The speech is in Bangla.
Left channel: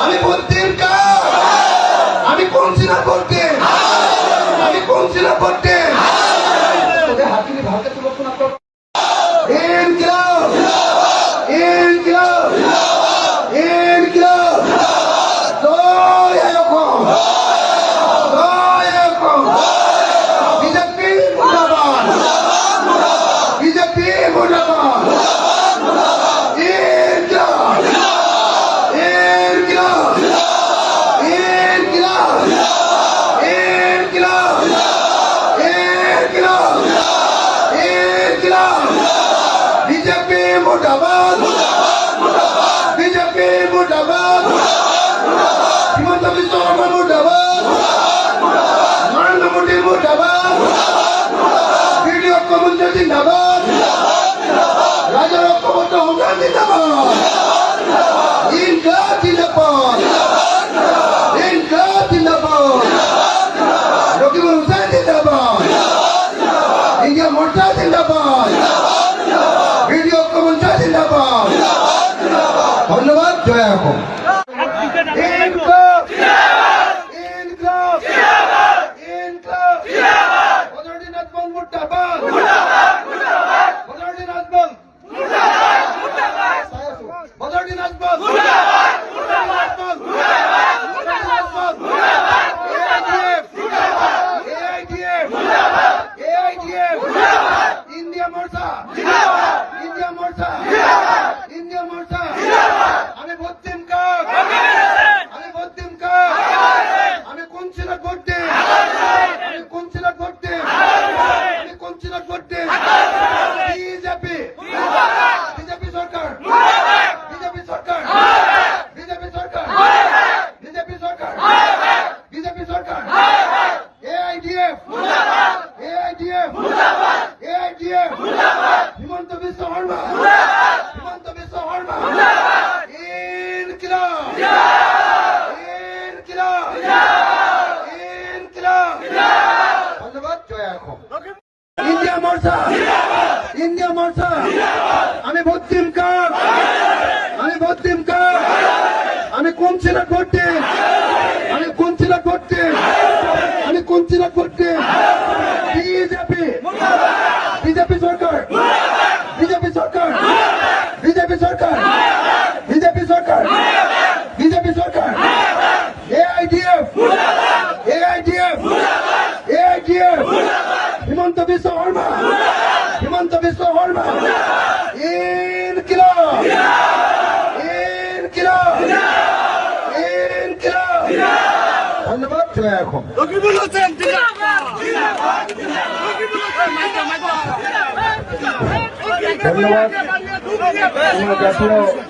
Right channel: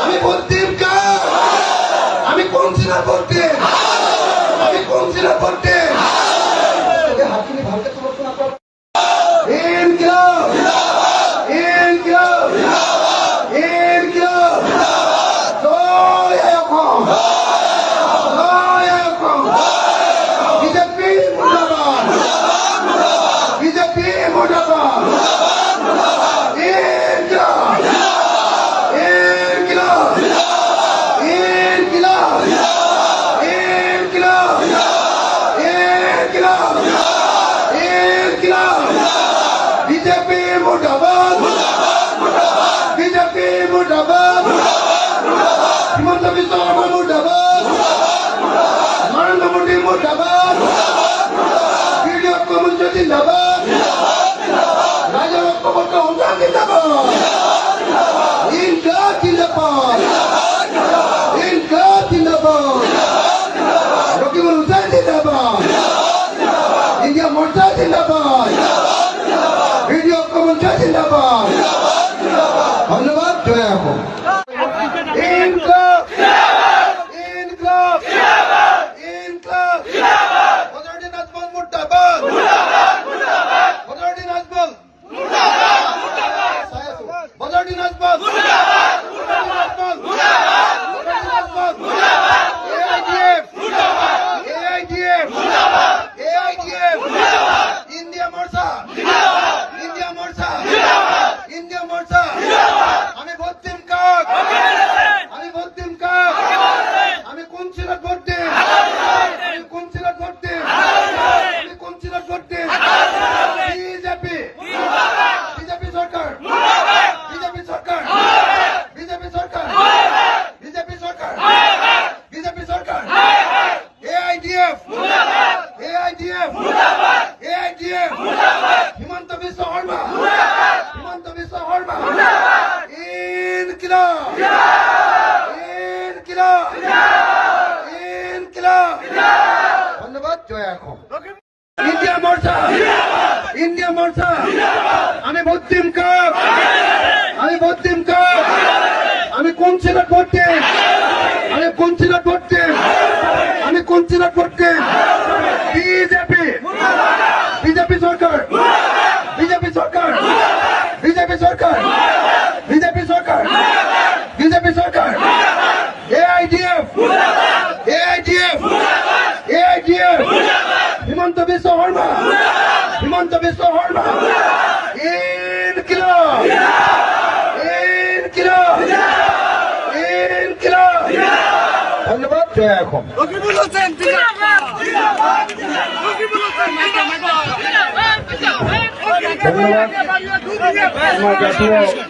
আমি বলতেন আমি কোন ছিল করতে আমি কোন ছিল করতে হাকিমি ভারতে পরিবর্তন बीजेपी मुर्दाबाद बीजेपी मुर्दाबाद हिमंत बिस्व शर्मा मुर्दाबाद नरेंद्र मोदी मुर्दाबाद वीडियो कमंत्र जिंदाबाद राजा रक्षपत्र हुसैन जिंदाबाद इनका जिंदाबाद रकीबुल हुसैन जिंदाबाद इंडिया मोर्चा जिंदाबाद वीडियो कमेंट्री जिंदाबाद धन्यवाद जय हो हिमंत बिस्व शर्मा धन्यवाद जय हो इंडिया मोर्चा আমি ভর্তিম আমি কোন ছিল করতে বিজেপি সরকার AIDF হিমন্ত বিশ্ব শর্মা ধন্যবাদ জয় এখন ধন্যবাদ